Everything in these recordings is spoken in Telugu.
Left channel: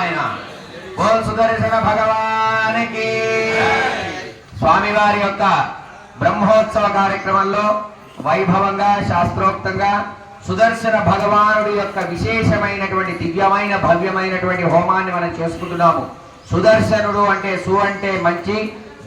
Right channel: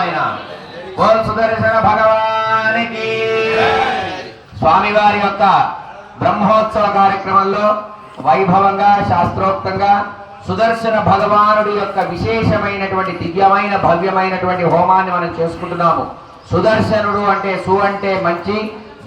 ఆయన. బోల్ సుదర్శన భగవానికి. స్వామివారి యొక్క బ్రహ్మోత్సవ కార్యక్రమంలో వైభవంగా శాస్త్రోక్తంగా సుదర్శన భగవానుడి యొక్క విశేషమైనటువంటి దివ్యమైన భవ్యమైనటువంటి హోమాన్ని మనం చేసుకుంటున్నాము. సుదర్శనుడు అంటే సు అంటే మంచి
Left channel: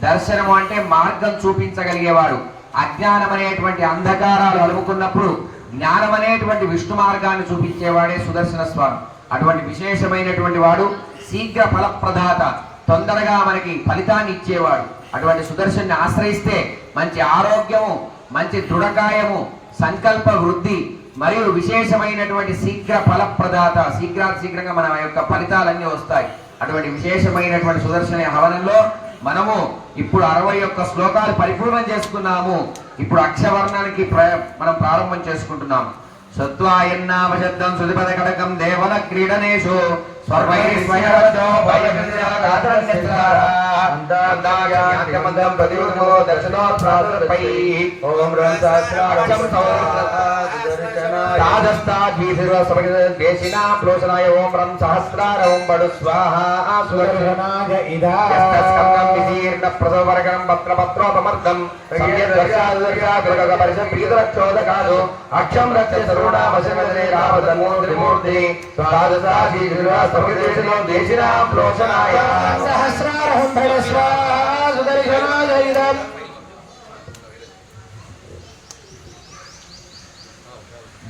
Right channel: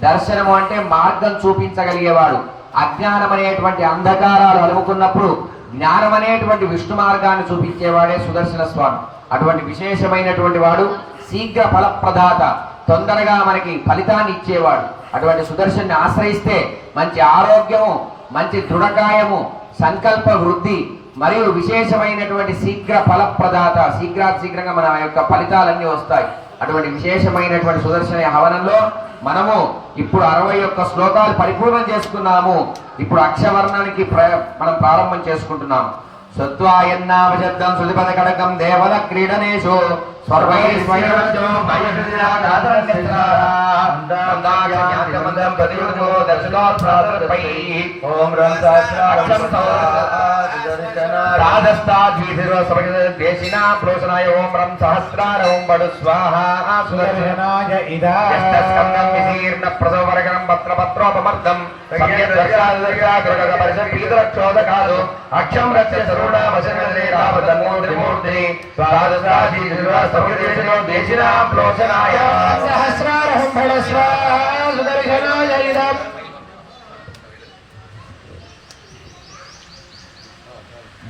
దర్శనము అంటే మార్గం చూపించగలిగేవాడు. అజ్ఞానం అనేటువంటి అంధకారాలు అలుముకున్నప్పుడు జ్ఞానం అనేటువంటి విష్ణు మార్గాన్ని చూపించేవాడే సుదర్శన స్వామి. అటువంటి విశేషమైనటువంటి వాడు శీఘ్ర ఫలప్రదాత తొందరగా మనకి ఫలితాన్ని ఇచ్చేవాడు. అటువంటి సుదర్శన్ని ఆశ్రయిస్తే మంచి ఆరోగ్యము మంచి దృఢకాయము సంకల్ప వృద్ధి మరియు విశేషమైనటువంటి శీఘ్ర ఫలప్రదాత శీఘ్రాతి శీఘ్రంగా మన యొక్క ఫలితాలన్నీ వస్తాయి. అటువంటి విశేషమైనటువంటి సుదర్శన హవనంలో మనము ఇప్పుడు అరవై ఒక్క శ్లోకాలు పరిపూర్ణం చేసుకున్నాము. ఇప్పుడు అక్షవర్ణానికి ప్ర- మనం ప్రారంభం చేసుకుంటున్నాము. సత్వాయన్నామశబ్దం శృతిపద కడకం దేవల క్రీడనేషు. స్వర్వైర్మయవచో ఓం రం సహస్రార ఓం బడు స్వాహా సుదర్శనాయ యస్తస్కందం విదీర్ణ ప్రసవరగణం పత్రపత్రోపమర్థం అక్షం రక్ష సరుణామశనదనే రామతమూర్తిమూర్తి ద్వాదశాది సముద్రేశనో దేశినాం సహస్రారహం ఫలస్వ సుదర్శనాయ ఇదం.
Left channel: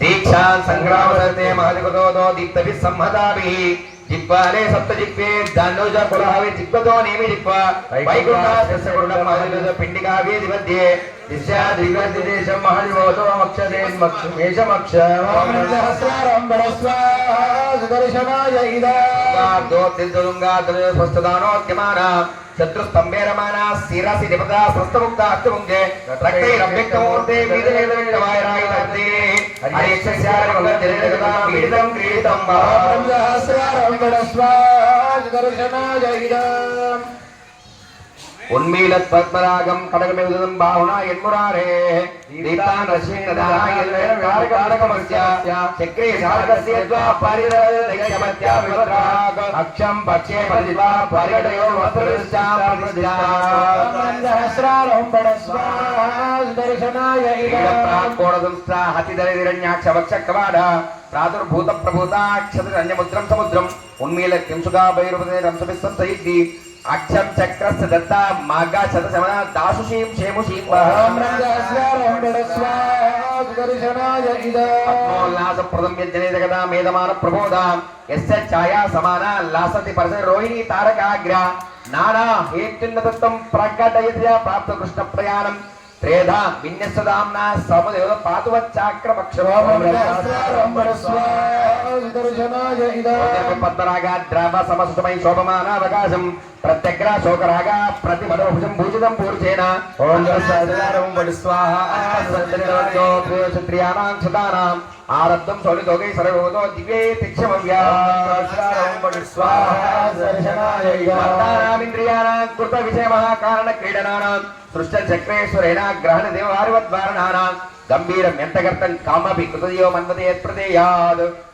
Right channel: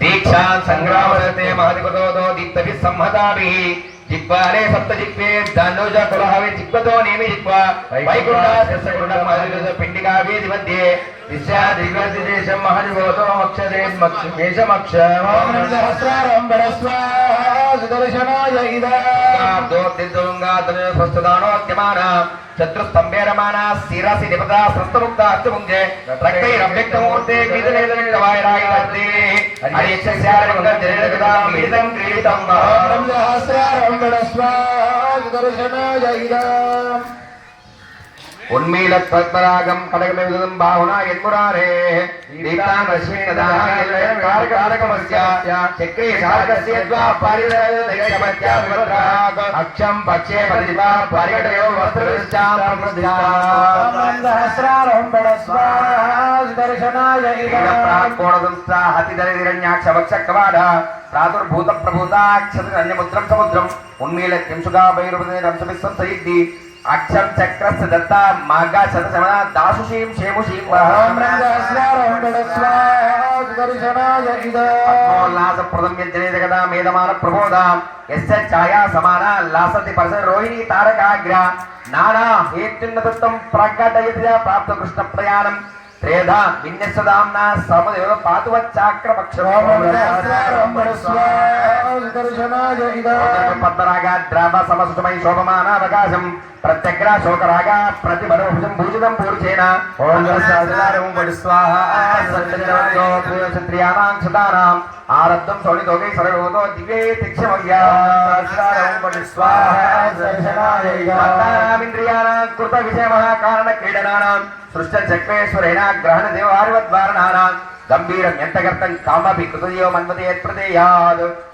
దీక్షా సంగ్రామరతే మహదిపతో దీప్తభి సంహతాభి జిగ్వాలే సప్త జిగ్వే దానోజ కులహవి జిగ్వతో నేమి జిగ్వ జిహ్వ వైకుంఠాస్య కురుణ మహదిపత పిండికావేది మధ్యే దిశా దిగ్వతి దేశం మహదివోతో మక్షదే మేషమక్ష సహస్రారం ఫలస్వ సుదర్శనాయ ఇదం శత్రుస్తంభేరమానా శిరసి నిపద స్వస్థముక్త అర్థముంజే రక్తైరవ్యక్తమూర్తే గీతలేదనివాయరాయి హరిశస్యారం క్రీడితం సహస్రారం ఫలస్వ సుదర్శనాయ ఇదం உண்மையில பத்மராகம் கடகமெழுதும் பாகுனா எண்முராரே தீப்தான் அக்ஷம் பச்சே பதிவா பரிகடயோ உண்மையில கிம்சுகா பைரவதே ரம்சபிஸ்வம் சயித்தி. అక్షం చక్రస్య దత్త మాగా శత శమన దాసుషీం క్షేముషీం సహస్రారం ఫలస్వ జగదా మేధమాన ప్రబోధ। యస్య ఛాయా సమాన లాసతి పరస రోహిణి తారకాగ్ర। నానా హేతున్నదత్తం ప్రకటయత్య ప్రాప్త కృష్ణ ప్రయాణం। త్రేధా విన్యసదాంనా సమదేవ పాతువచ్చాక్రమక్షరం పద్మరాగ ద్రావ సమసుమై శోభమానావకాశం ప్రత్యగ్ర శోకరాగ ప్రతిభుజం భూజితం పూర్చేన ఓం స్వాహ వడి క్షతానాం ఆరబ్ధం సౌలితోగై తిక్షమవ్యాహస్రారం వడి స్వాహాంద్రియాణాం కృత విషయమః కారణ క్రీడనానాం సృష్ట చక్రేశ్వరేణ గ్రహణ దేవారివద్వారణానాం గంభీరం ఎంతగర్తం కామపి కృతయో మన్మతే ప్రదేయాద్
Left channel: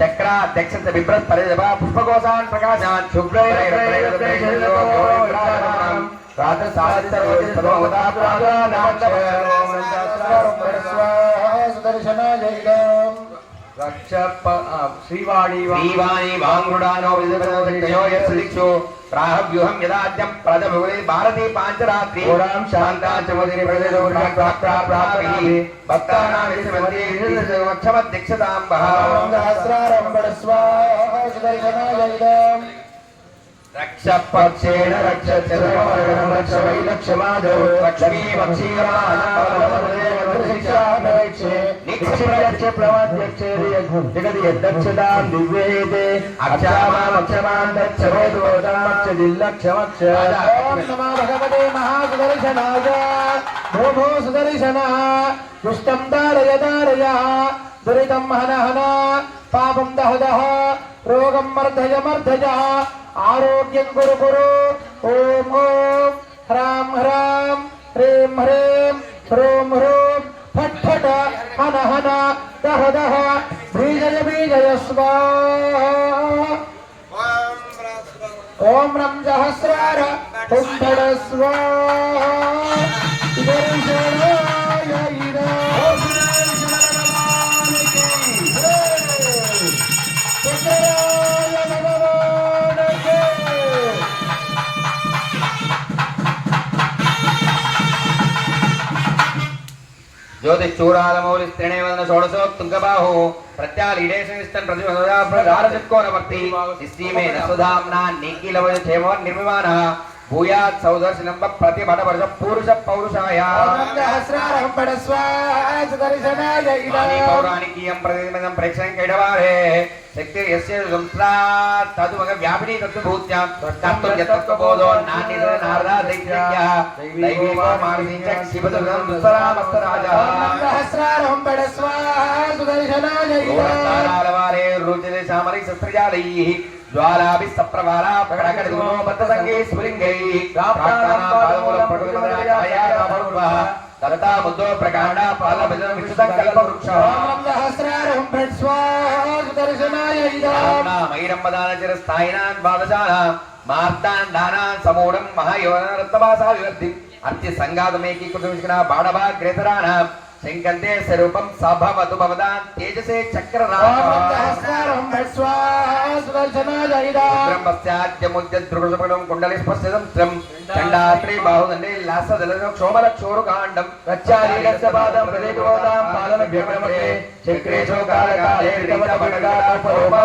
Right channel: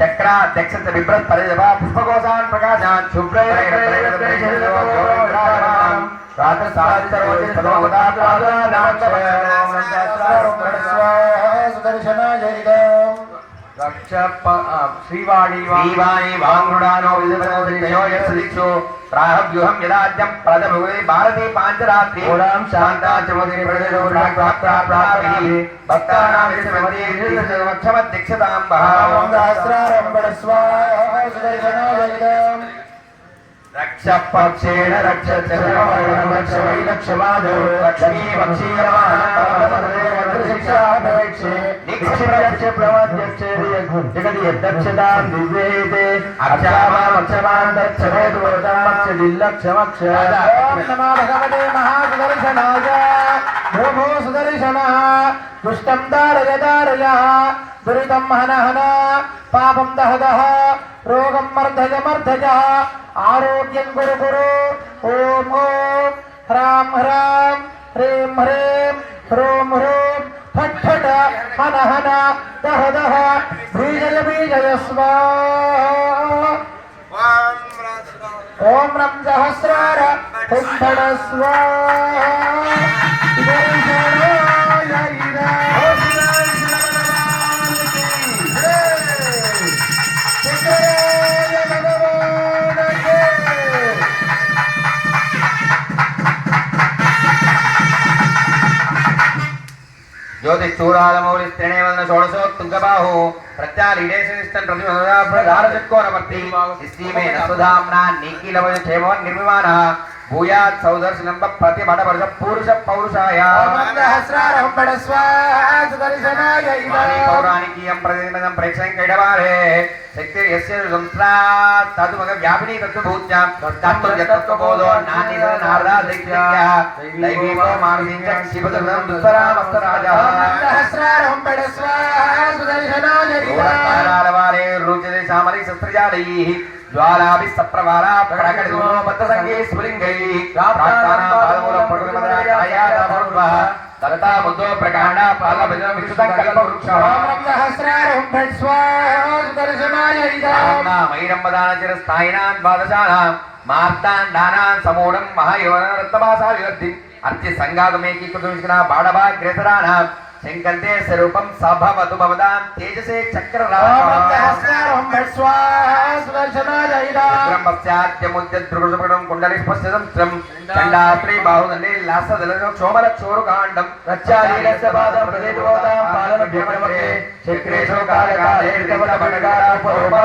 ఓయాత గోర్మోస్యాన్ వైవడు ఇంద్రేణ నామ్నా చరణుగా బద్ధవాసస్య మధ్యే చక్రాధ్యక్ష బిభ్రత్ పరిదవ పుష్పకోశాన్ ప్రకాశాన్ శ్రీవాణి వాంగుడానో విజయో ప్రాహవ్యూహం యదాద్యం ప్రథమగురి భారతీ పాంచరాత్రి ఓరాం శాంతాచమగిరి ప్రజలో ప్రాప్తి భక్తానాం విషమధ్యక్షతాం రక్ష రక్ష పక్షేణ రక్ష రక్ష వై రక్ష మాధవ లక్ష్మీ ఓం నమో భగవతే మహాసుదర్శనాయ భూమో సుదర్శన దుష్టం దారయ దారయ దురితం హన హన పాపం దహ దహ రోగం మర్ధయ మర్ధయ ఆరోగ్యం గురు గురు ఓం ఓం హ్రాం హ్రాం హ్రీం హ్రీం హ్రూం హ్రూం ఫట్ ఫట హన హన దహ దహ బీజయ బీజయ స్వాహ ఓం రం సహస్రార కుంభడ స్వాహ జ్యోతిచూరాలమౌలి శ్రేణేవదన షోడశోత్తుంగబాహు ప్రత్యాలీడేశనిష్టం ప్రతిమదారచక్కోనవర్తి ఇస్తీమే నసుధామ్నా నీకీలవయ క్షేమవన్ నిర్మిమాన భూయాత్ సౌదర్శనం ప్రతిభటపరుష పురుష పౌరుషాయ. ఓం రం సహస్రార కుంభడ స్వాహ సుదర్శనాయ ఇదా. పౌరాణికీయం ప్రతిమదం ప్రేక్షణం కైడవారే శక్తి యస్య సంస్రా తదుమగ వ్యాపిని తత్వభూత్యాం తత్వం యత్వబోధో నాన్య నారదా దైత్యక్య దైవీకో మానసీం చ శివదం దుస్తరామస్తరాజా ఓం రం సహస్రార కుంభడ స్వాహ సుదర్శనాయ ఇదా. వారే చిర శంకంతే స్వరూపం సభవతు భవదాం తేజసే చక్ర ఓం రం సహస్రార కుంభడ స్వాహ సుదర్శనాయ ఇదా. దృగృషపడం కుండలి స్పష్టం చండాత్రి బాహుదండే లాసదల క్షోభల చోరుకాండం రచ్చాలీలస్య పాదం ప్రదేశోదాం పాదన భ్యమరే చక్రేశో కాల కాలే రితవన సహస్రార కుంభడ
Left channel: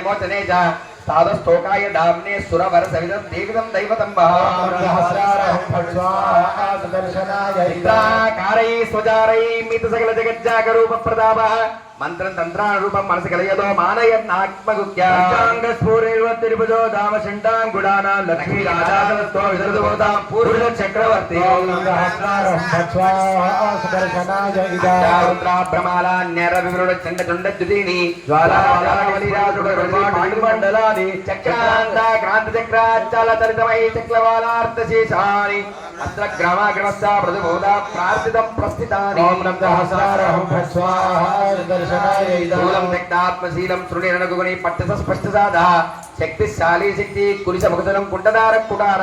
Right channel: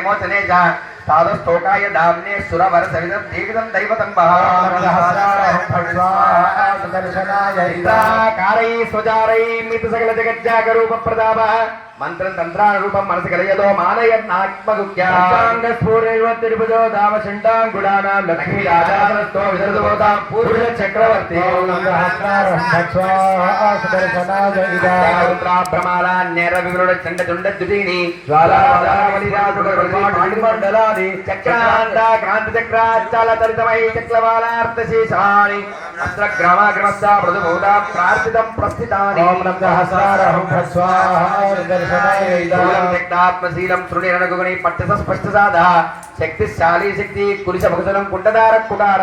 మోచనే చ సాధుస్తోకాయ దామ్నే సురవర సవిదం దీవిదం దైవతం కారై స్వజారై మిత సకల జగజ్జాగరూప ప్రతాప మంత్రం తంత్రాన రూపం మనసు కలయదో మానయన్ ఆత్మగుఖ్యాంగ స్ఫూరేవ తిరుపదో దామ శంటాంగుడానా లక్ష్మీ రాజాతో విదర్భవతాం పూర్వ చక్రవర్తి భ్రమాల నెర వివరుడ చండ చండ దుదీని చక్రాంత క్రాంతి చక్రాచల తరితమై చక్రవాలార్థ శేషాని అస్త్ర గ్రామాగ్రమస్త మృదుబోధ ప్రార్థితం ప్రస్థితాని శూలం వ్యక్తాత్మశీలం శృణిరణగుని పట్టస స్పష్ట సాధ శక్తిశాలి శక్తి కులిశ ముఖతలం కుండదార కుటార.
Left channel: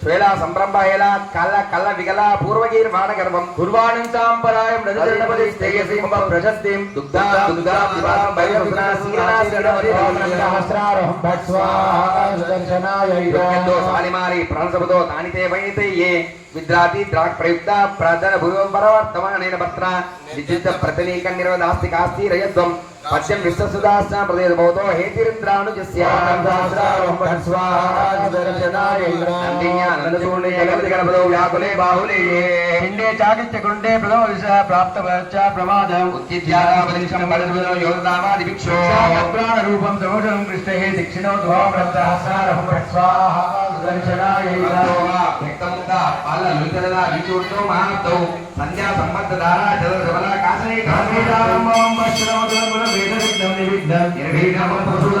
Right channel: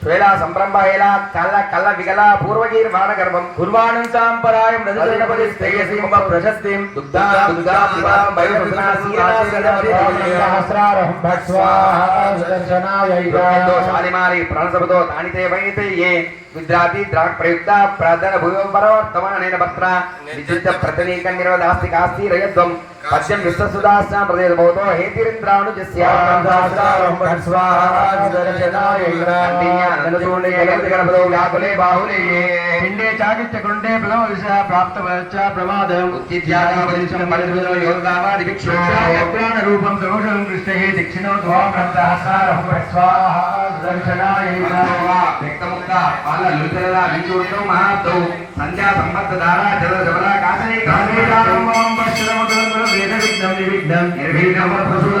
శ్వేళా సంరంభేళ కల్ల కల్ల విగల పూర్వగీర్వాణ గర్భం కుర్వాణం సాంపరాయం రజనపది శ్రేయసీమ ప్రశస్తిం. దుగ్ధా దుగ్ధా దివా దో శాలిమారి ప్రణసబతో తానితే వైతే ఏ? విద్రాతి ద్రాక్ ప్రయుక్త ప్రదన భూయో పరవర్తమానైన భర్త విద్యుత్ ప్రతనీక నిరోధాస్తి కాస్తి రయద్వం. పద్యం విశ్వసుదాస్న ప్రదేశ భవతో హేతిరింద్రాను గణపదో వ్యాకులే బాహులే పిండే చాకిత్య కుండే ప్రథమ విష ప్రాప్త ప్రమాదం. ఉత్తిత్యాగాపదిశం మరిదిలో యోగదామాది భిక్షు. ప్రాణ రూపం ప్రమోషం కృష్ణ దక్షిణో వ్యక్తముక్త పాల లుతరద విచూర్తో మహాతో సంధ్యా సంబద్ధ ధారా జల జవల కాసే వేద విఘ్నం నివిఘ్నం నిర్విఘ్నం ప్రసూద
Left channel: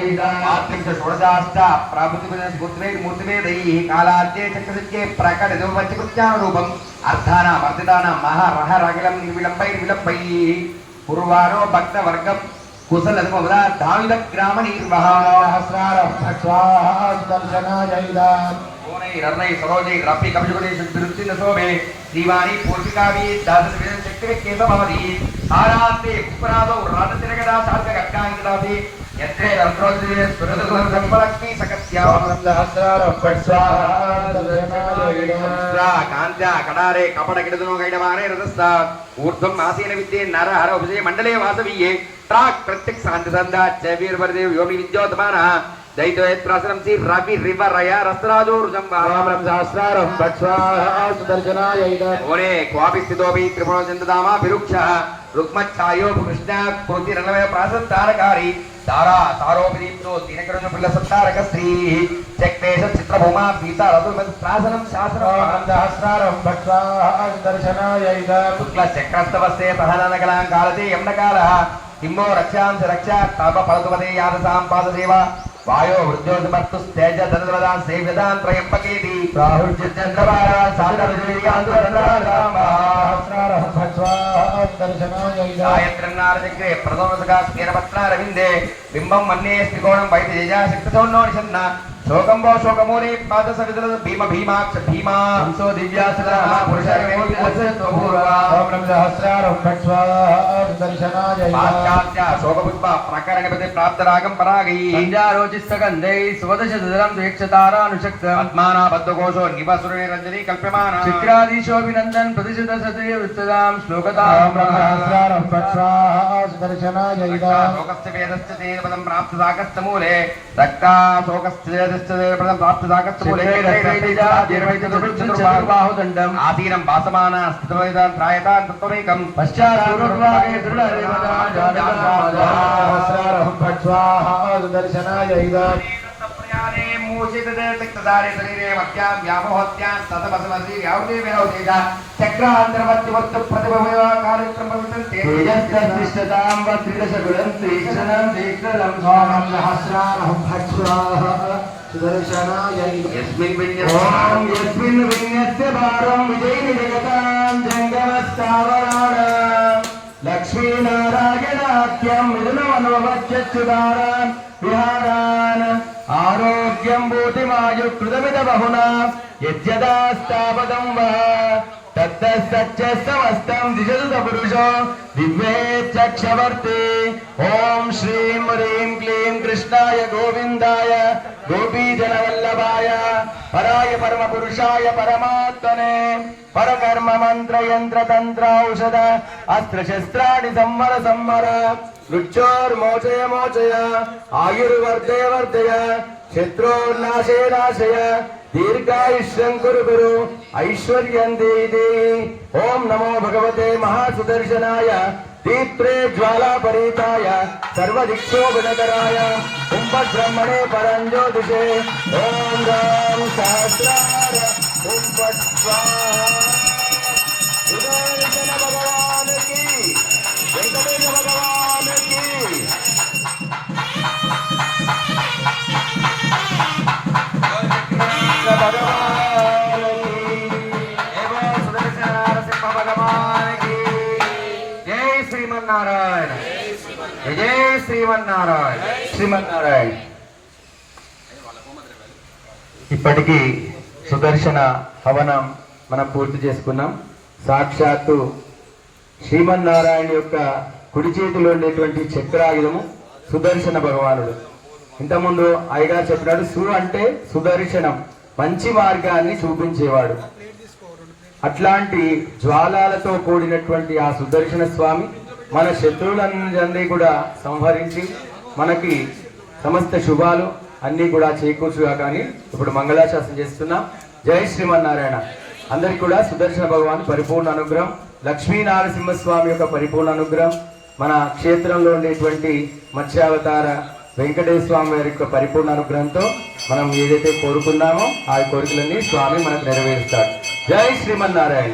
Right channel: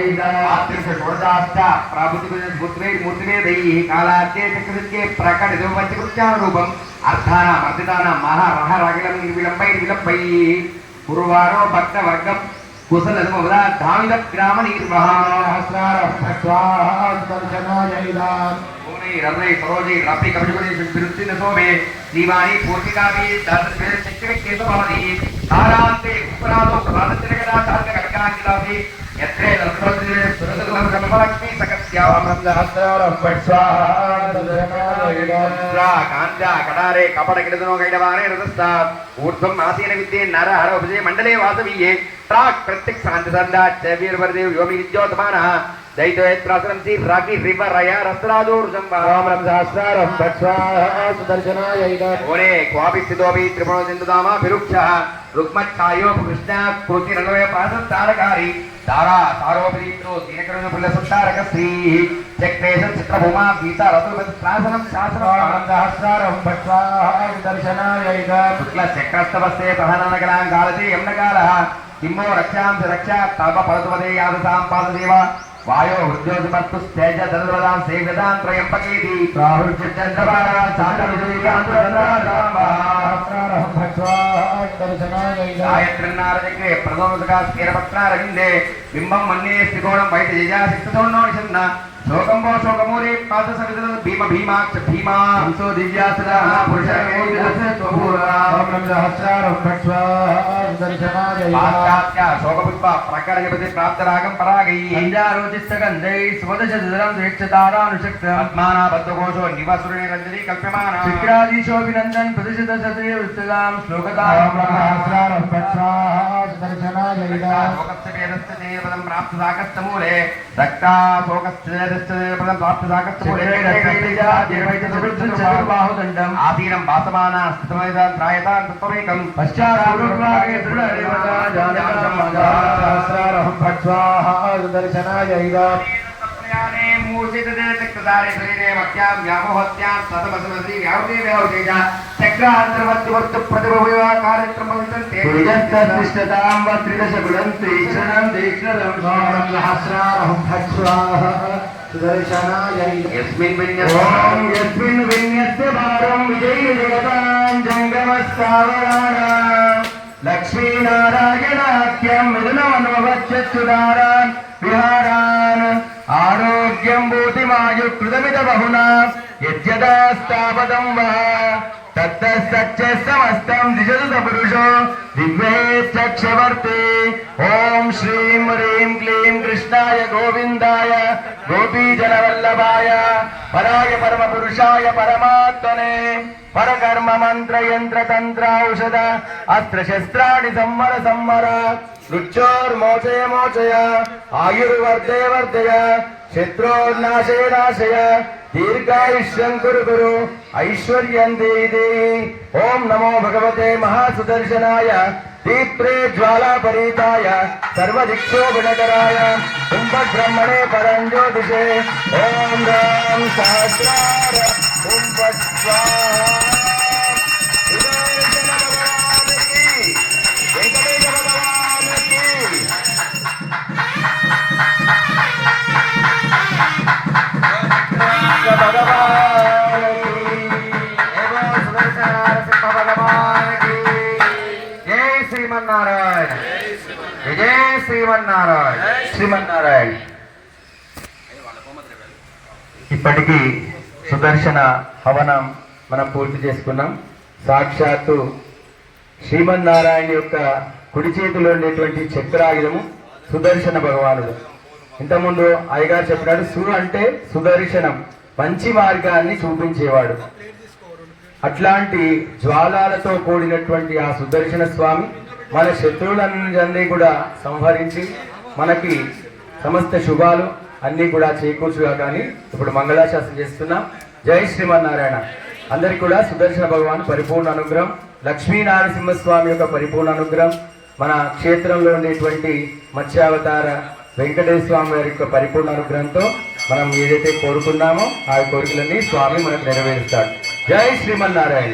కోనై రన్నై సరోజై రప్పి కపిజుగణేశం విరుచిన్న శోభే శ్రీవాణి పూర్తికావి దాస శక్తి కేశభవతి తారాంతే ఉపరాధో రథ తిరగదా సాధ్య కట్కాంకిలాసి యత్రే లక్ష్మీ సురసులం బ్రహ్మలక్ష్మీ సకత్యాం సహస్రారం పడు స్వాహా సుదర్శనాయ కాంత్య కడారే కపట కిడదనో గైడవానే రథస్థ ఊర్ధ్వం ఆసీన విద్యే నర హర ఉపజయ మండలే వాసవీయే ప్రాక్ ప్రత్యక్ శాంతి సందా చవీర్వర్దేవ్ యోమి విద్యోతమాన దైతోయత్రాసనం సి రవి రివ రయ రస్త్రాదూర్జం రామం శాస్త్రారం పడు స్వాహా సుదర్శనాయ ఓనే క్వాపి స్థితోపి త్రిపుణో చింతదామా విరుక్ష రుక్మఛాయోపకృష్ణ కృతి రణవయ ప్రాసం తారకారి తారా తారోపరీత్రో దీనకరుణ పుల్ల సత్తారక స్త్రీ చక్వేశ చిత్రభూమా రథు ప్రాసనం శాసనం సహస్రారం పడు స్వాహా సుదర్శనాయ శుక్ల చక్రస్తవస్తే సహననగలాంకాలతే యమ్నకాల కిమ్మో రక్షాంశ రక్ష తల్ప ఫలతుపదే యాదసాం పాదసేవ వాయో వృద్ధోధిమత్తు తేజ ధనుర్వదాం సేవ్యదాం త్రయంబకేతి రాహుల్ చంద్రబాల సహస్రారం పడు స్వాహా సుదర్శనాయ గాయత్రన్నారచక్రే స్థిరపత్నారవిందే బింబం మన్యే శ్రీకోణం బయట జయా శక్తి శక్తోన్నోషన్న శోకంబో శోకమూలే పాద సవితుల భీమ భీమాక్ష భీమా. హంసో దివ్యాసుల పురుష ఓం నమ సహస్రారం పడు స్వాహా సుదర్శనాయ పాశ్చాత్య శోకపుష్ప ప్రకరణపతి ప్రాప్తరాగం పరాగై. సంధ్యారోచిస్తగంధై స్వదశదిదరం స్వేచ్ఛతారానుషక్త పద్మానా బద్ధకోశో నివసురుని రంజని కల్ప్యమాన. చిత్రాదీశోభినందన్ ప్రతిశత సతయ వృత్తదాం శ్లోకతాం సహస్రారం పడు స్వాహా సుదర్శనాయ శోకస్య వేదస్య తేజపదం ప్రాప్త సాకస్తమూలే రక్తా శోకస్య చతుర్బాహుదండం ఆసీనం భాసమాన స్థితమైదాన్ త్రాయతాన్ తత్వమేకం తతమసమసి వ్యావృతి వ్యావృతేజ చక్రాంతర్వర్తివర్త ओम यस्मिन् विन्यस्य भारं। विजयि जगतां जङ्गमस्तावराणां। लक्ष्मीनारायणाख्यं मिलनमनुवच्चुदारान् विहारान्। बहुना यद्यदास्तापदं वह तत्तच्च समस्तं द्विजतु सपुरुषो दिग्वेत्सक्षवर्ते। ॐ श्रीं ह्रीं क्लीं कृष्णाय गोविन्दाय యజ్జదాస్తాపదం వః గోపీజనవల్లభాయ పరాయ పరమ పురుషాయ పరమాత్మనే పరకర్మ మంత్ర యంత్ర తంత్ర ఔషధ అస్త్ర శస్త్రాణి సంవర సంవర మృత్యోర్మోచయ మోచయ ఆయుర్వర్ధే వర్ధయ శత్రోర్నాశయ నాశయ దీర్ఘాయుష్యం కురు కురు ఐశ్వర్యం దేవి దేవి ఓం నమో భగవతే మహాసుదర్శనాయ దీప్రే జ్వాలాపరీతాయ సర్వదిక్షోభినకరాయ కుంభబ్రహ్మణే పరంజ్యోతిషే ఓం రాం సహస్రార కుంభస్వాహ సుదర్శన జై శ్రీమన్నారాయణ. శ్రీమన్నారాయణ. ఇప్పటికీ సుదర్శన హవనం మనం పూర్తి చేసుకున్నాం. సాక్షాత్తు శ్రీమన్నారాయణ యొక్క కుడి చేతిలో ఉండేటువంటి చక్రాయుధము సుదర్శన భగవానుడు. ఇంతకుముందు అయ్యగారు చెప్పినాడు సు అంటే సుదర్శనం మంచి మార్గాన్ని చూపించేవాడు. అట్లాంటి జ్వాలాలతో కూడినటువంటి ఆ సుదర్శన స్వామి మన శత్రువులన్నీ కూడా సంహరించి మనకి సమస్త శుభాలు అన్నీ కూడా చేకూర్చుగా కానీ ఇప్పుడు మంగళాశాసనం చేస్తున్నాం. జై శ్రీమన్నారాయణ. అందరికి కూడా సుదర్శన భగవాన్ పరిపూర్ణ అనుగ్రహం. లక్ష్మీనారసింహస్వామి యొక్క పరిపూర్ణ అనుగ్రహం. మన క్షేత్రంలో ఉండేటువంటి మత్స్యావతార వెంకటేశ్వర స్వామి వారి యొక్క పరిపూర్ణ అనుగ్రహంతో మనం ఏదైతే కోరుకున్నామో ఆ కోరికలన్నీ స్వామి మనకు నెరవేరుస్తాడు. జై శ్రీమన్నారాయణ.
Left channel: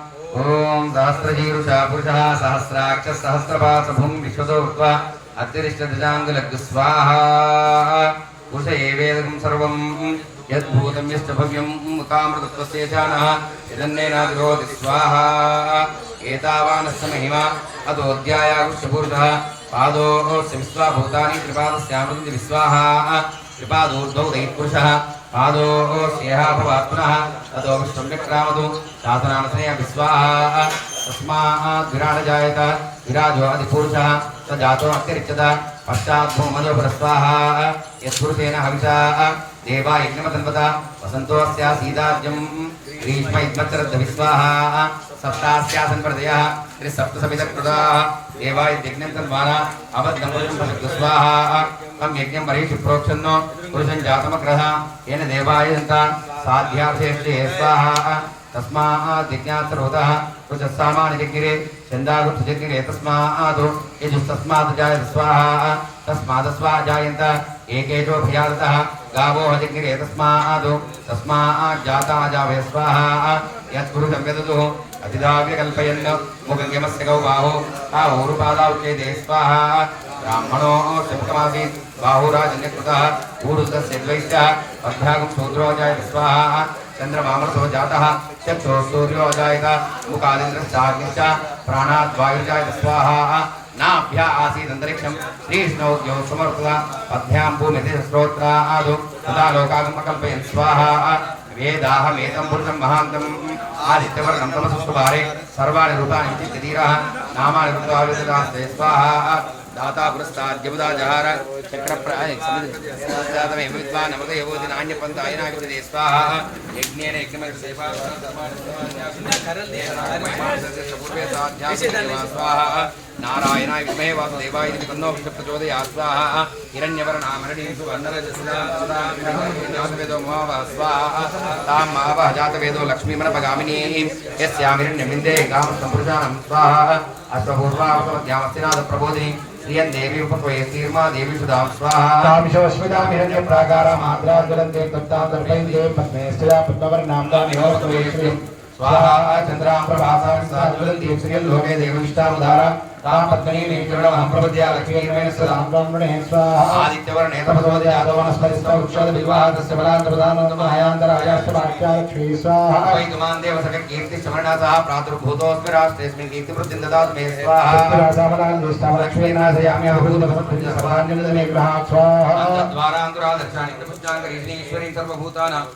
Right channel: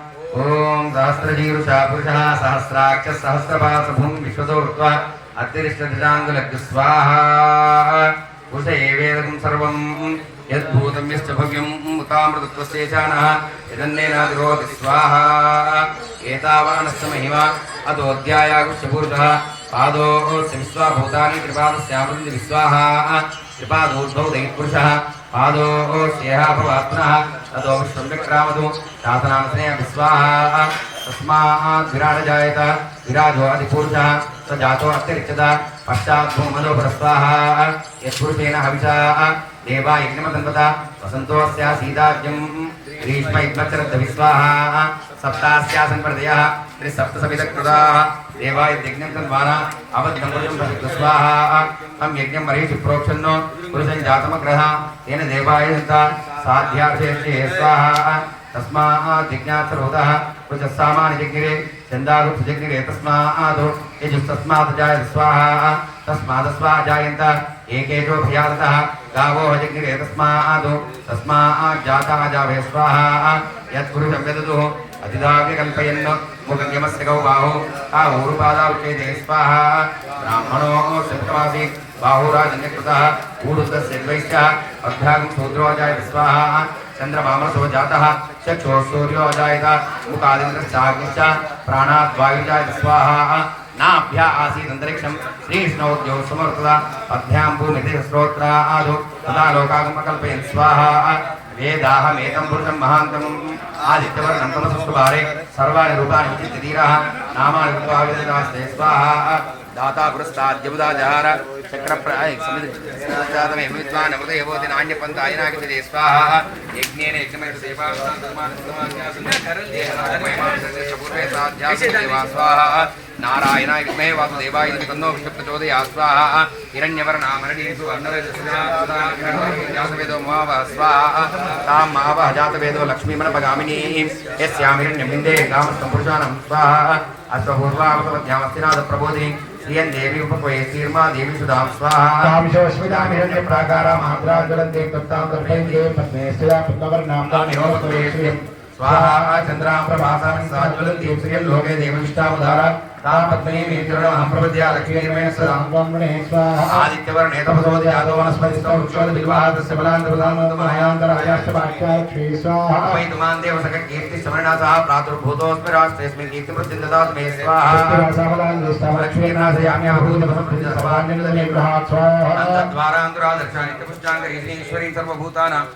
ఓం సహస్రజీరుషా పురుషः సహస్రాక్ష సహస్రపాస విశ్వతో ఉత్వా అత్యరిష్టదశాంగులగ్గు స్వాహ. పురుష ఏవేదకం సర్వం యద్భూతం యశ్చ భవ్యం ముతామృతత్వస్యేషానः యదన్నేనాదిరోధి స్వాహ. ఏతావానస్య మహిమా అతోऽధ్యాయాగుష్య పురుషः పాదోऽస్య విశ్వాభూతాని త్రిపాదస్యామృతి విశ్వాహ. త్రిపాదోద్భవ దైపురుషः పాదోస్యేహ భవాత్మనः తతో విశ్వం విక్రామతు శాసనాంశయ విశ్వాహ తస్మాత్ విరాట జాయత విరాజో అధిపురుషः స జాతో అత్యరిచ్చత పశ్చాత్ భూమదో పరస్వాహ యత్పురుషేణ హవిషా దేవా యజ్ఞమతన్వత వసంతోస్య సీతాజ్యం గ్రీష్మ ఇద్వచ్చరద్ద విశ్వాహ సప్తాస్యాసన్ ప్రదయ త్రిసప్తసమితకృతాः దేవా యజ్ఞం తన్వాన అవద్దం పురుషం ప్రసిద్ధ స్వాహ తం యజ్ఞం మరీషి ప్రోక్షన్నో పురుషం జాతమగ్రహ తేన దేవాయ సంత సాధ్యార్థే స్వాహ తస్మాత్ జిజ్ఞాతరోధः పురుషः సామాని జగ్గిరే చందాగుప్త జగ్గిరే తస్మాత్ యజుస్తస్మాత్ జాయత స్వాహ తస్మాత్ స్వా జాయంత ఏకేషో భయాదతः గావో జగ్గిరే తస్మాత్ తస్మాత్ జాతా జావే స్వాహ యత్పురుషం యదదు ఆ ఊరుపాదావుచ్చేదే స్వాహ బ్రాహ్మణో శబ్దమాసీత్ బాహురాజన్యకృత ఊరుద్రस्य ద్వైశ్యः శూద్రోజాయ స్వాహ చంద్రమామసో జాత చక్షో సూర్యోజాయత ముఖాదింద్రశ్చాగ్నిశ్చ ప్రాణాద్వాయుజాయ స్వాహ నాభ్య ఆసీదంతరిక్షం శ్రీష్ణోద్యో సమర్పద పద్భ్యాం భూమితి స్తోత్రాదు తదా లోకాగమకల్పయన్ స్వాహ వేదాహమేతం మహాంతం ఆదిత్యవర్ణం తమసువారే సర్వాణి రూపాణి విచిత్యధీరः నామాని రూపావిదాస్తే స్వాహ। దాతా పురస్తాద్యముదా జహార చక్రప్రాయ సమితిమే విద్వాన్ అమృత యవోది నాణ్యపంత స్వాహ. యజ్ఞేన యజ్ఞమైన పూర్వే సాధ్యాస స్వాహ నారాయణాయ విద్మహే వాసుదేవాయ ఇది విష్ణు ప్రచోదయా స్వాహ హిరణ్యవర్ణామరణీసు వర్ణరజాతవేదో మహావ స్వాహ తాం మహావ జాతవేదో లక్ష్మీమనపగామినీ యస్యామిరణ్యమిందే కామస్తం పురుషానం స్వాహ అశ్వపూర్వామధ్యామస్తినాథ ప్రబోధిని దేవి ఉపక్వయే శ్రీర్మా దేవి సుధాం స్వాహ కామిశోస్మితామిరణ్య ప్రాకారం ఆగ్రాజ్వలంతే తత్తాం దర్పయంతే పద్మే స్థిరా పద్మవర్ణాం తామిహోపక్వయే శ్రియం స్వాహా చంద్రాం ప్రభాసాం సాజ్వలంతి శ్రియం లోకే దేవవిష్టావధార తాం పద్మనీ మేత్రుడమహం ప్రపద్యా లక్ష్మీర్మేణ సదా బ్రహ్మణే స్వాహ ఆదిత్యవర్ణే తపసోది ఆదో వనస్పతిస్తో వృక్షోద బిల్వాహతస్య బలాంతపదానందమహయాంతరహయాష్టపాఖ్యాలక్ష్మీ స్వాహ స్వాహ వైతుమాన్ దేవసక కీర్తి సమరణాసః ప్రాతుర్భూతోస్మి రాష్ట్రేస్మిన్ కీర్తి వృద్ధిం దదాతు మే స్వాహా లక్ష్మీనాథయామి అభూతపసప్రజసభాన్యమే గృహాత్ స్వాహ ద్వారాంతురాదర్శానిత్యపుష్టాంగరీశ్వరీం సర్వభూతానాం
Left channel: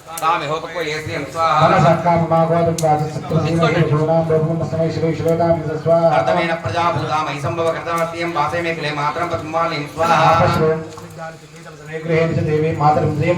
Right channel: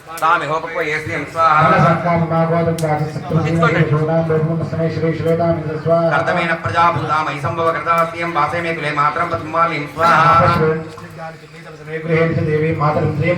తామిహోపక్వయే శ్రియం స్వాహా మనసక్కామమాగోదం వాచసత్రమై శ్రీ శ్వేతామి స్వాహ కర్తమైన ప్రజాభూతామై సంభవ కర్తాస్యం వాసే మే కులే మాత్రం పద్మాలిం స్వాహా దేవి మాతరం శ్రీం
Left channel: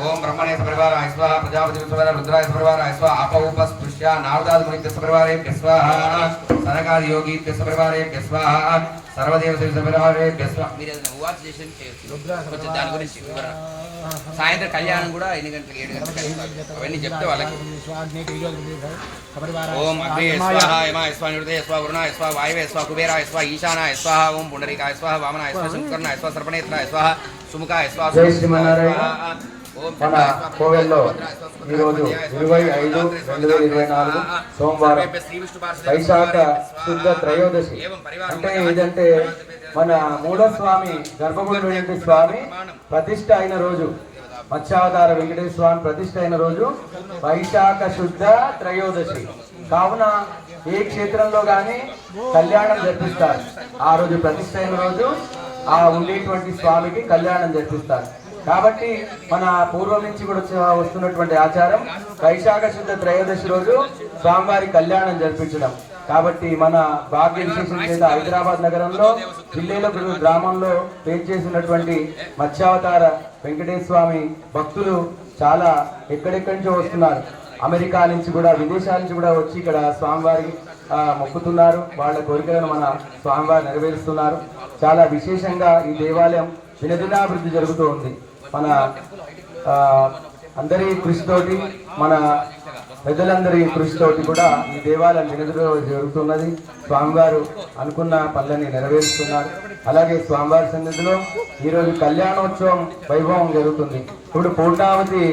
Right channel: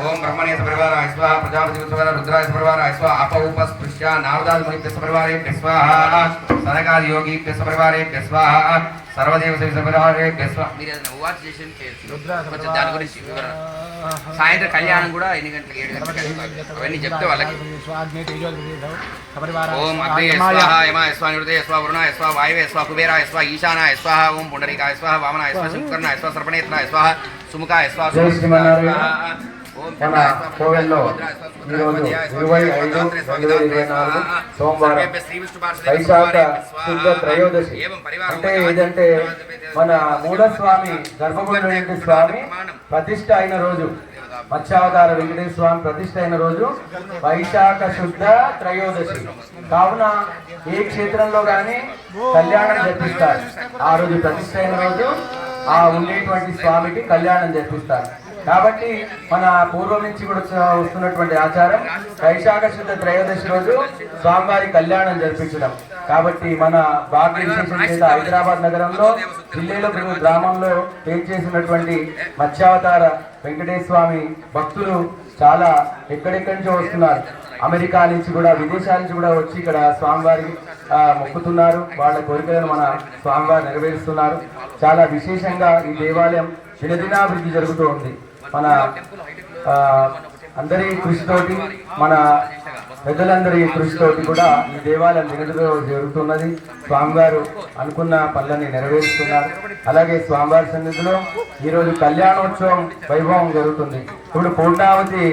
ఓం బ్రహ్మణే సపరివారాయ స్వాహ ప్రజాపతి సపరివార రుద్రాయ సపరివారాయ స్వాహ అపౌపస్పృశ్య నారదాది మునిభ్య సపరివారేభ్య స్వాహ సనకాది యోగీభ్య సపరివారేభ్య స్వాహ సర్వదేవ శ్రీ సమరాగే గస్వ మీరు ఏదైనా ఉవాచ చేసి చేయొచ్చు కొంచెం దాని గురించి వివరణ సాయంత్రం కళ్యాణం కూడా ఎన్ని గంటలకు ఏడు గంటలకు అవన్నీ చెప్తే వాళ్ళకి ఓం అగ్ని స్వాహ యమ స్వ నిరుదే స్వ వరుణ స్వ వాయువే స్వ కుబేర స్వ ఈశాన స్వ ఓం పుండరీక స్వ వామన స్వ శంకర్ణ స్వ సర్పణేత్ర స్వ సుముఖ స్వ జై శ్రీమన్నారాయణ. మన కోవెల్లో ఈరోజు ఇరవై ఐదు రెండు వేల ఇరవై నాలుగు సోమవారం వైశాఖ శుద్ధ త్రయోదశి. అంటే ఏదంటే మన మూఢస్వామి గర్భగుడి వెంకట స్వామి? ప్రతిష్ట అయిన రోజు. మత్స్యావతార వెంకటేశ్వర స్వామి ప్రతిష్ట అయిన రోజు వైశాఖ శుద్ధ త్రయోదశి. కావున ఏ క్షేత్రంలో కానీ కళ్యాణం జరిపిస్తారు. ఆ రోజు ప్రతిష్ట అయిన రోజు ఆ ఉండేటువంటి స్వామికి కళ్యాణం జరిపిస్తారు. కాబట్టి మన పూర్వం నుంచి కూడా వస్తున్నటువంటి ఆచారం వైశాఖ శుద్ధ త్రయోదశి రోజు స్వామివారి కళ్యాణం జరిపించడం. కాబట్టి మన భారతదేశం లేదా హైదరాబాద్ నగరంలో జిల్లాలో గ్రామంలో చేసినటువంటి మత్స్యావతార వెంకటేశ్వర స్వామి భక్తులు చాలా ఎక్కడెక్కడి నుంచో వస్తున్నారు. అమెరికా నుంచి కూడా విదేశాల నుంచి కూడా వచ్చి ఇక్కడ స్వామివారికి మొక్కుతున్నారు. వాళ్ళ కోరికలను మన స్వామివారు నెరవేరుస్తున్నారు. చాలా విశేషంగా ఈ దేవాలయం దినదినాభివృద్ధి జరుగుతూ ఉంది. మన అందరి కృషితోటి మన పెద్దలందరి కృషితోటి కూడా ఈ దేవాలయం దినదిలో జరుగుతున్నది. స్వామివారు అనుకున్న పనులని నెరవేరుస్తున్నారు. అలాగే స్వామివారి సన్నిధిలో ఈరోజు కళ్యాణోత్సవం వైభవం జరుగుతుంది. ఇప్పుడు పూర్ణావతి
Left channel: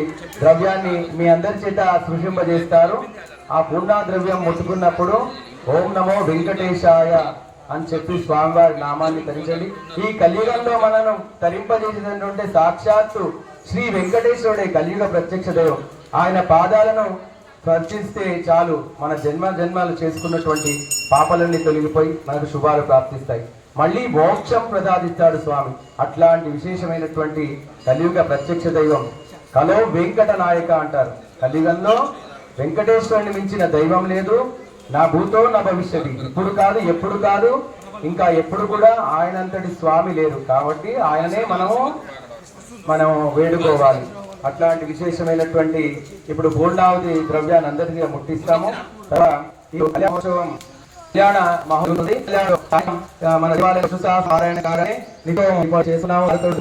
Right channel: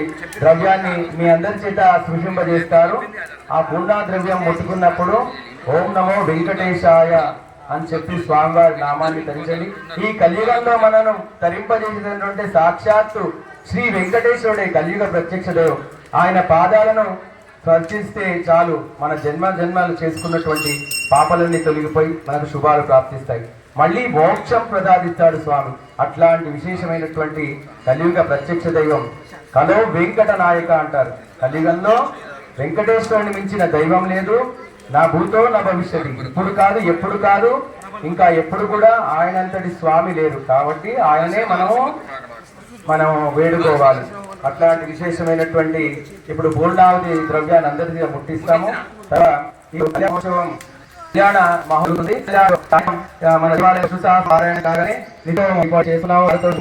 ద్రవ్యాన్ని మీ అందరి చేత సృషింపజేస్తారు ఆ పూర్ణా ద్రవ్యం ముట్టుకున్నప్పుడు ఓం నమో వెంకటేశాయ అని చెప్పి స్వామివారి నామాన్ని తరించండి. ఈ కలియుగంలో మనను తరింపజేసినటువంటి సాక్షాత్తు శ్రీ వెంకటేశ్వరుడే కలియుగ ప్రత్యక్ష దైవం. ఆయన పాదాలను స్పర్శిస్తే చాలు మన జన్మ జన్మాలు చేసుకున్నటువంటి పాపలన్నీ తొలగిపోయి మనకు శుభాలు ప్రాప్తిస్తాయి. మళ్ళీ మోక్షం ప్రసాదిస్తాడు స్వామి. అట్లాంటి విశేషమైనటువంటి కలియుగ ప్రత్యక్ష దైవం. కలో వెంకట నాయక అంటారు. కలియుగంలో వెంకటేశ్వరుని మించిన దైవం లేదు. నా భూతో నా భవిష్యత్తు. ఇప్పుడు కాదు ఎప్పుడు కాదు ఇంకా ఎప్పుడు కూడా ఆయనంతటి స్వామి లేరు. కాబట్టి ఆయనే మనము మనం వేడుకోవాలి. అట్లాంటి విశేషమైనటువంటి ఇప్పుడు పూర్ణావతి ద్రవ్యాన్ని అందరికీ ముట్టిస్తాము. తర్వాత ఈ కళ్యాణ మహోత్సవం కళ్యాణ మన దేవాలయం సుసా పారాయణ కాగానే నీతో ఇప్పుడు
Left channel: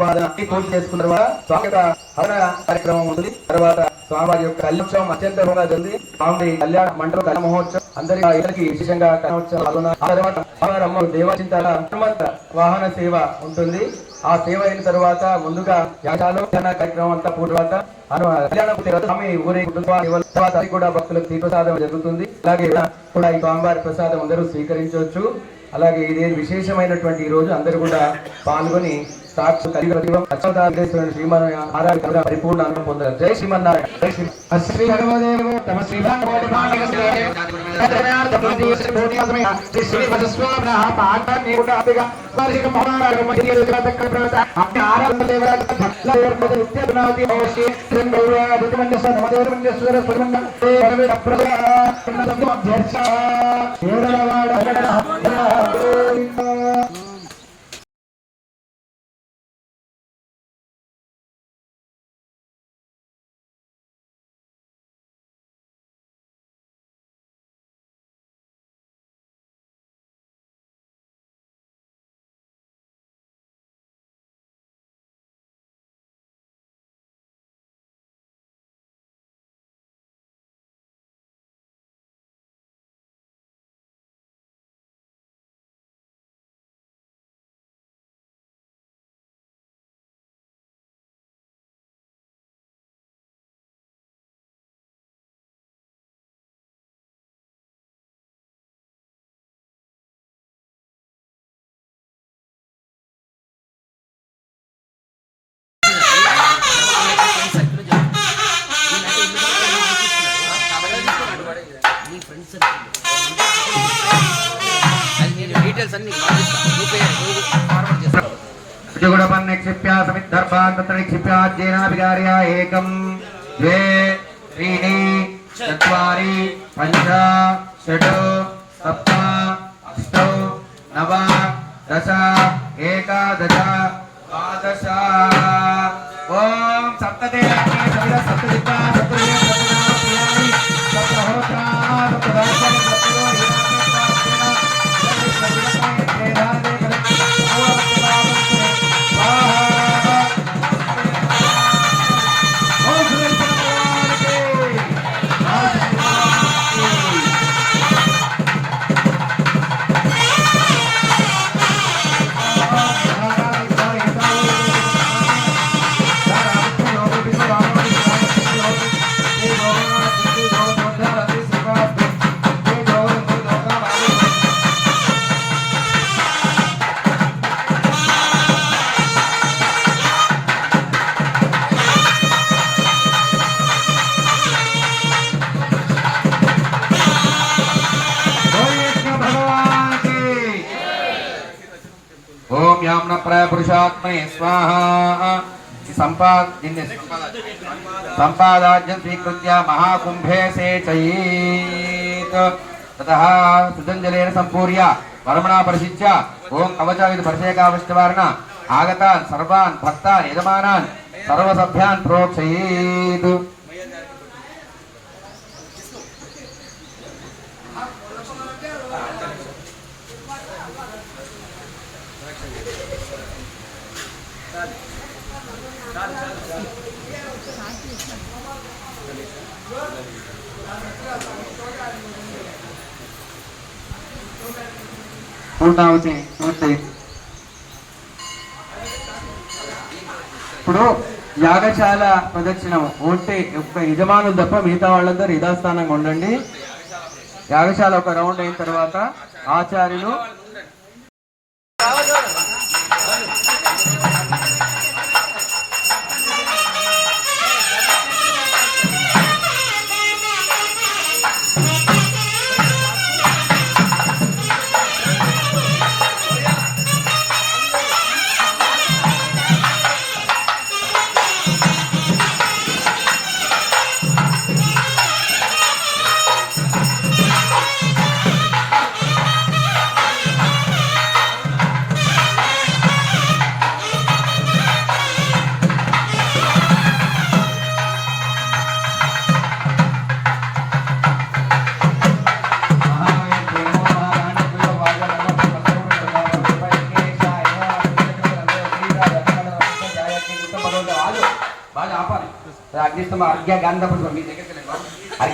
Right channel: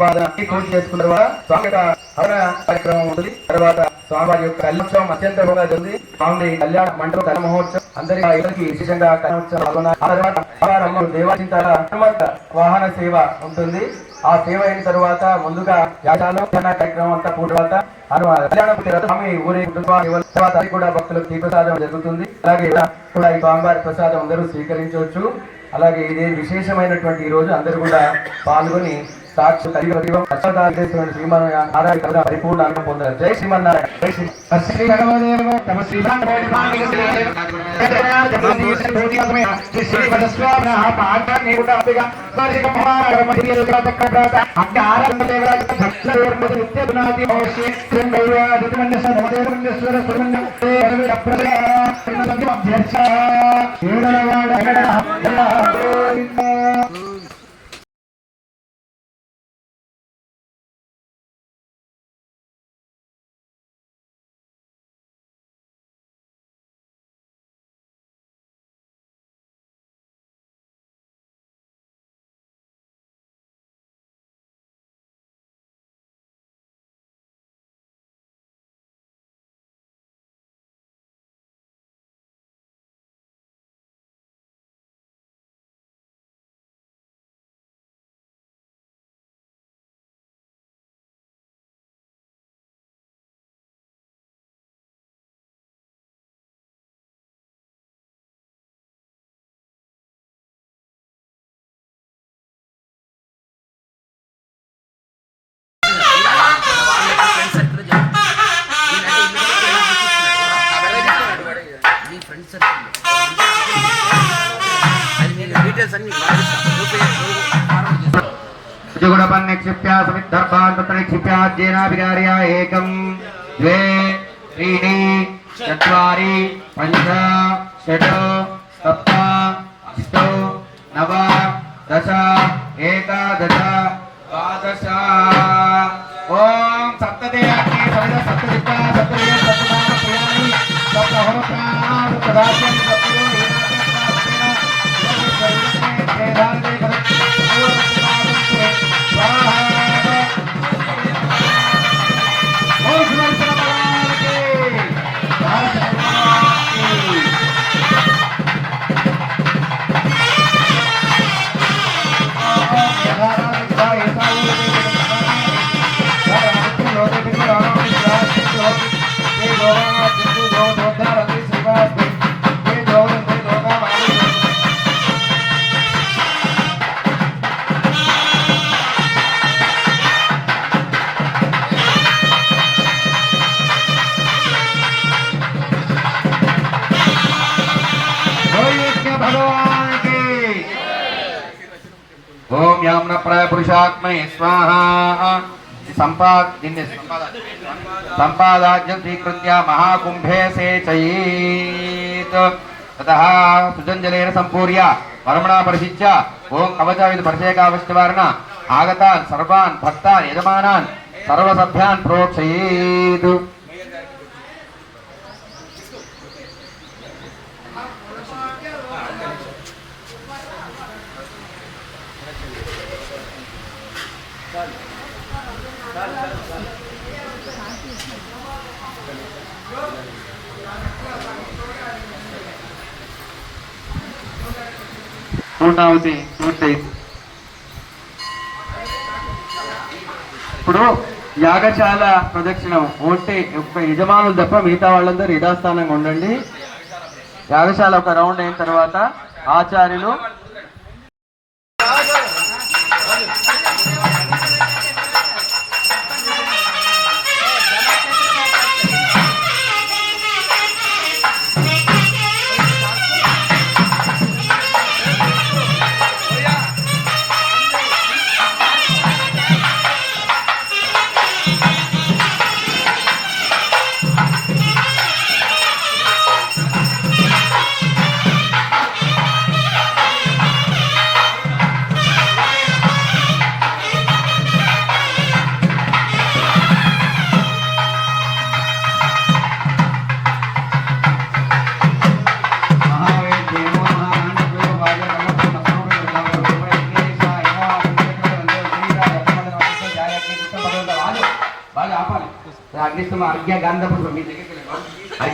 పూర్తి చేసుకున్న తర్వాత స్వామి కార్యక్రమం ఉంటుంది. తర్వాత స్వామివారి యొక్క కళ్యాణోత్సవం అత్యంత జరుగుతుంది స్వామి కళ్యాణ మండప కళ్యాణ మహోత్సవం అందరి విశేషంగా కళ్యాణోత్సవం పాల్గొన్నారు. ఆ తర్వాత అమ్మవారమ్మ దేవాచింతల హనుమంత వాహన సేవ ఉంటుంది. ఆ సేవ అయిన తర్వాత ముందుగా యాగాలు కార్యక్రమం అంతా పూర్తి తర్వాత అను- స్వామి ఊరి తర్వాత అది కూడా భక్తులకు తీప్రసాదం జరుగుతుంది. అలాగే కూడా ఈ స్వామివారి ప్రసాదం అందరూ స్వీకరించవచ్చు. అలాగే ఇదే విశేషమైనటువంటి ఈ రోజు అందరూ కూడా పాల్గొని సాక్షి కలిగి దైవం అక్షరదాదేశ్వరుని శ్రీమన్నారాయణ కథ పరిపూర్ణ అనుభవం పొందారు జై శ్రీమన్నారాయణ జై శ్రీ శ్రీ భగవదేవ తమ శ్రీ డీటెయిల్స్ అన్ని పంపిస్తా. సుగుణపన్నిక్షిప్య సమిద్ధర్భాన్ తత్ర నిక్షిప్యాజ్యేనాభికార్య ఏకం ద్వే त्रीणि चत्वारि पञ्च षट् सप्त अष्टौ नव दश एकादश द्वादश ॐ सप्तदेयानि सविद सप्तदिक्पा सप्तदिक् పురుషాత్మనే స్వాహ. సంపాద్ సంపాదాజ్యం స్వీకృత్య మహాకుంభే సేచయేత్ తతః సుజంజలేన సంపూర్య పరమణా పరిశిచ్య. ఓం కవచాయుధ పరిశేకావశ్యవారణ ఆగతాన్ సర్వాన్ భక్తాన్ యజమానాన్ సర్వసభ్యాన్ ప్రోక్షయేత్. పూర్ణావతి పూర్తయింది ఇప్పుడు యాగశాల ప్రదక్షిణ ఓటే యజమానులు తప్ప మిగతా వాళ్ళందరూ యథాస్థానంగా ఉండండి. యాగశాల ఒక రౌండ్ అయిన తర్వాత ఆచార్యులు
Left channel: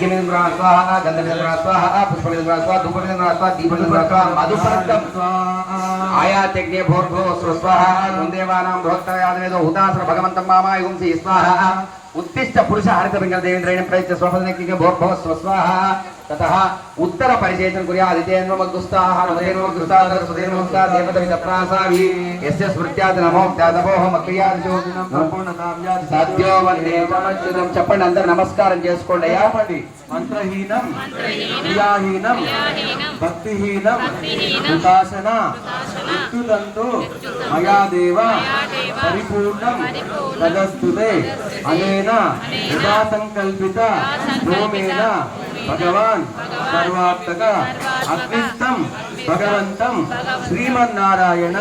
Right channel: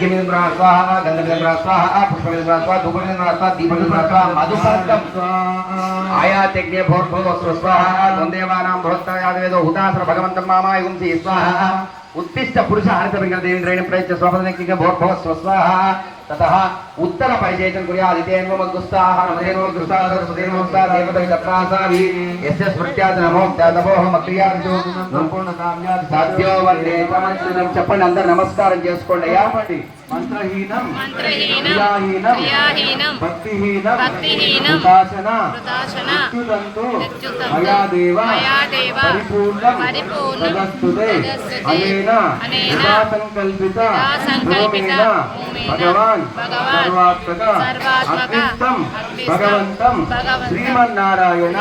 అర్ఘ్య మీద బ్రహ్మ స్వాహ గంధ మీద బ్రహ్మ స్వాహ పుష్ప స్వాహ ధూప స్వాహ దీప మీద బ్రహ్మ స్వాహ మధుపర్కం ఆయాత్యజ్ఞే భోర్భో స్వస్వాహ ద్వందేవానాం బృహత్తయాదవేదో హుతాసుర భగవంతం మామాయుంసి స్వాహ ఉత్తిష్ట పురుష హరిత దేవేంద్రేణ ప్రయత్న స్వపదనక్కిగా భోర్భోస్వ స్వాహ తతః ఉత్తర పరిచయం కుర్యా అదితేన్వ మగ్గుస్తాహ నమదేనో మగ్గుస్తాహ సుదేనో మగ్గుస్తాహ దేవత వితప్రాసావి యస్య స్మృత్యాది నమో త్యాదభోహ మక్రియాదిజో సంపూర్ణ కామ్యాది సాధ్యో వందే ప్రపంచం చెప్పండి అందరు నమస్కారం చేసుకోండి. అయ్యా మంత్రహీనం క్రియాహీనం భక్తిహీనం హుతాశన మృత్యుదంతో మయా దేవ పరిపూర్ణం తదస్తుతే అనేన యథా సంకల్పిత హోమేన భగవాన్ సర్వాత్మక అగ్నిష్టం భగవంతం శ్రీమన్నారాయణ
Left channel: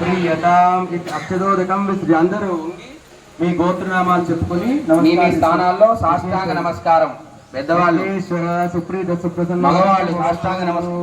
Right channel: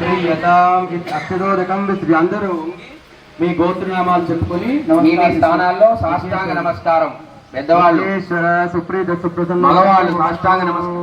ప్రియతాం ఇది అక్షరోదకం విశ్రీ అందరూ. మీ గోత్రనామాలు చెప్పుకొని మీ స్థానాల్లో సాష్టాంగ నమస్కారం. పెద్దవాళ్ళు. సుప్రీత సుప్రసన్న. మగవాళ్ళు. సాష్టాంగ నమస్కారం.